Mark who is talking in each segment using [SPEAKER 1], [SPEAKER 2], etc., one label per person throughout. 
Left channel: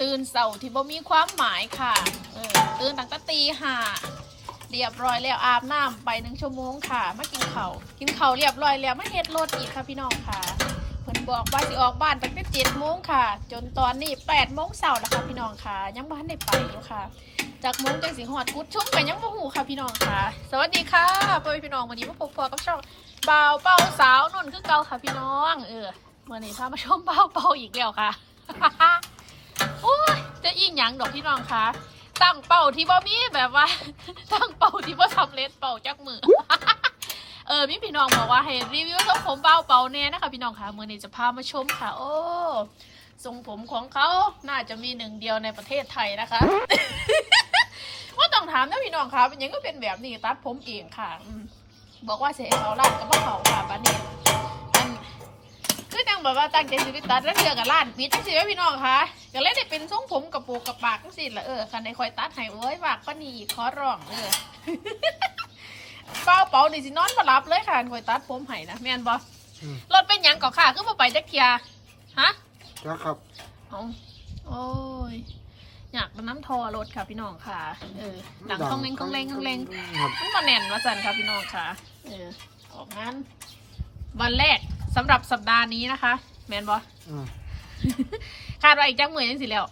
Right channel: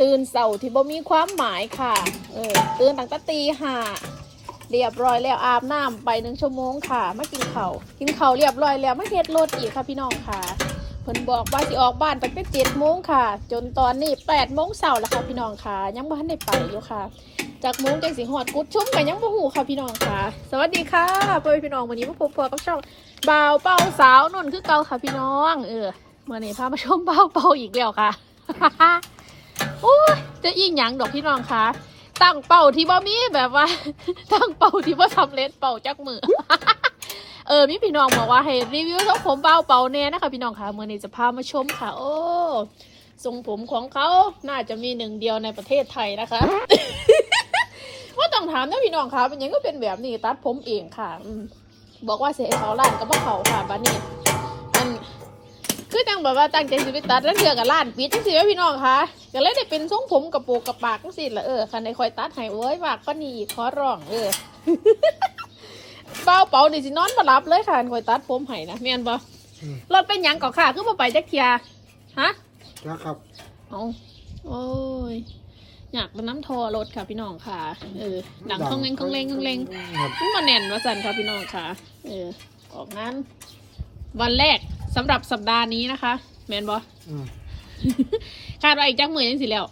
[SPEAKER 1] ตื่นเสาร์ที่บ่มีความหมายค่ะ เออตื่นตั้งแต่ตีห้าเรียบร้อยแล้วอาบน้ำไปหนึ่งชั่วโมงค่ะมากินข้าวกินข้าวเรียบร้อยแล้วไมาเฮ็ดรถอีกค่ะพี่น้องค่ะเพิ่นบอกว่าสิออกบ้านตั้งแต่เจ็ดโมงค่ะ จนตอนนี้แปดโมงเสาร์แล้วค่ะพี่น้องค่ะ ยังบ่ทันได้ไปอยู่ค่ะ จากโมงจนสิหอดกุดชุ่มไปยังบ่หูค่ะพี่น้องค่ะ สวัสดีค่ะพ่อพี่น้องวันนี้มาพบกับช่องบ่าวเป้าสาวนนท์คือเก่าค่ะพี่น้อง เออเมื่อนี้พามาชมบ่าวเป้าอีกแล้วค่ะ อีกหยังดอกพี่น้องคะตั้งเป่าที่บ่มีแบบว่า ตั้งเป่าที่บ่สำเร็จเป่าจักมือเออมีพี่น้องบอกว่าให้รีวิวทรงผมเป่าเป่าเน่นะคะพี่น้องคะเมื่อนี้จะพามาชมค่ะ โอ้ทรงผมของเขาน่าจะมีหนึ่งเดียวในประเทศไทยนะคะว่าต้องถามนะพี่น้องคะเป็นยังก็เป็นแบบนี้ตัดผมเองค่ะ บอกว่าเสียเขาล้านกับพวกเขา ว่าตั้งใจสิไปตัดแล้วเจอกับร้านปิดจังสิแม่พี่น้องคะก็เลยได้เป็นทรงผมกับโปกกับปากจังสิละเออคันในคอยตัดให้เอ้ยฝากป้านีขอร้องเออเป้าเป๋านี่สินอนมารับเลยค่ะคอยตัดผมให้นะแม่นบ่
[SPEAKER 2] อืม
[SPEAKER 1] รถเป็นหยังก่อค่ะคือบ่ไปจักเทียฮะ
[SPEAKER 2] จ้าครับ
[SPEAKER 1] เอาโอ้ยอยากเป็นน้ำทอรถค่ะพี่น้องค่ะ เออหนังต้องเล็งต้องเล็งต้องเล็ง
[SPEAKER 2] ครับ
[SPEAKER 1] มันมาแน่นมาสั่นค่ะพี่น้องค่ะ เออออกงานวันแรก สำหรับสัปดาห์นี้นะคะ แมนบอ
[SPEAKER 2] อืม
[SPEAKER 1] คาดว่าอีกจักมือยังสิแล้ว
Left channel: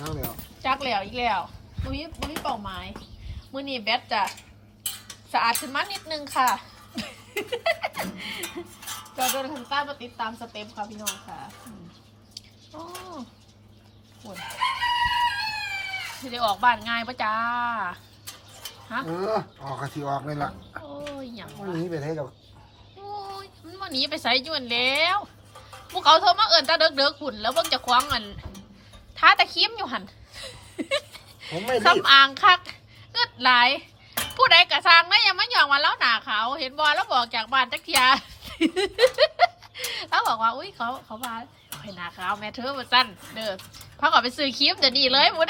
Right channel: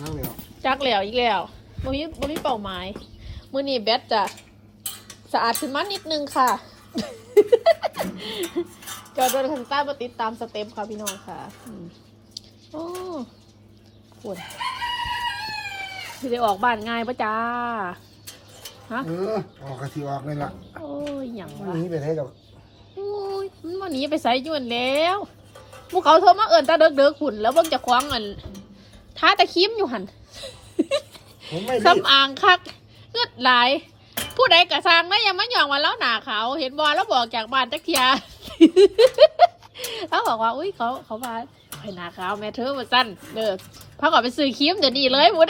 [SPEAKER 2] นั่งแล้ว
[SPEAKER 1] จักแล้วอีกแล้วบ่มีบ่มีเป้าหมายมือนี้แบตจะสะอาดขึ้นมานิดนึงค่ะจะเดินทางใต้มาติดตามสเต็ปค่ะพี่น้องค่ะอืมโอ้โหที่ได้ออกบ้านง่ายปะจ้า ฮะ
[SPEAKER 2] เออ ออกกะทิออกเลยล่ะ
[SPEAKER 1] โอ้ยอย่าง
[SPEAKER 2] วัน
[SPEAKER 1] วะ
[SPEAKER 2] นี้ไปได้ดอก
[SPEAKER 1] โอ้ยมั นวันนี้ไปใส่ยวนแล้วพวกเขาโทรมาเอินตาเด็กเด็กขุนแล้วเบิ่งจะคว้างอันท้าตะคิมอยู่หัน
[SPEAKER 2] ผมไม่รีบ
[SPEAKER 1] สำอางคักเลือดไหลายผู้ใดกระซังไม่ยังไม่ยอมมาแล้วหนาเขาวเห็นบอลแล้วบอกจากบ้านจักเทียแล้วบอกว่า อุ้ยเขาเขามาไปหนาขาวแม่เธอมาสั้นเด้อพาก่อนไปซื้อครีมจะดีเลยหมด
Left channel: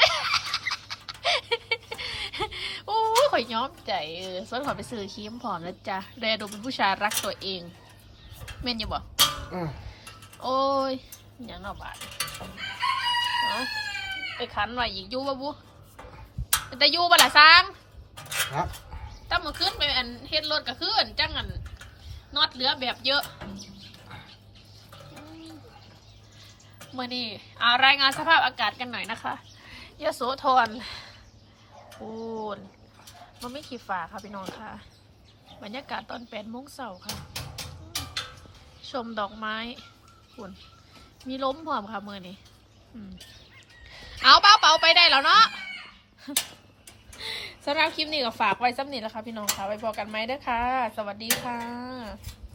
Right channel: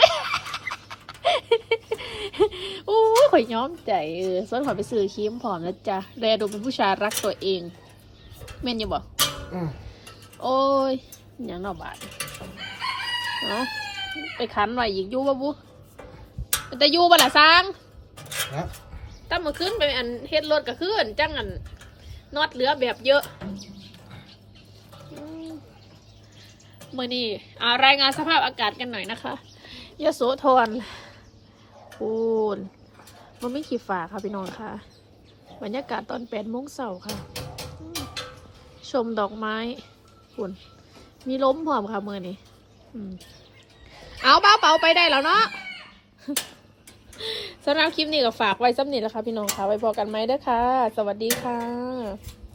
[SPEAKER 1] โอ้ยข่อยย้อมใจเออส่วนข่อยไปซื้อครีมผอมแล้วจ้ะแดดูเป็นผู้ชายรักตัวเอง เม่นอยังบอก
[SPEAKER 2] อืม
[SPEAKER 1] โอ้ยอยังนอกบาทนะไปขันไว้อีกอยู่บ่บุแต่อยู่บ่ละสร้าง
[SPEAKER 2] ครับ
[SPEAKER 1] ตั้งมือขึ้นไปอันเฮ็ดรถก็ขึ้นจังอันน็อตเหลือแบบเยอะอืมมื่อนี้เอารายงานสภาพอากาศกันหน่อยนะคะยโสธรปูนมันไม่ขีดฝาค่ะพี่น้องค่ะ บรรยากาศตอนแปดโมงเสาร์ค่ะอืม ชมดอกไม้คุณมีล้มพร้อมค่ะมือนี้เอาเป้าเป๋าไปได้แล้วเนาะสำหรับคลิปนี้ก็ฝากไว้ซ้ำนี้แหละค่ะพี่น้องค่ะไว้พอกันไหมเด้อค่ะ สวัสดีค่ะ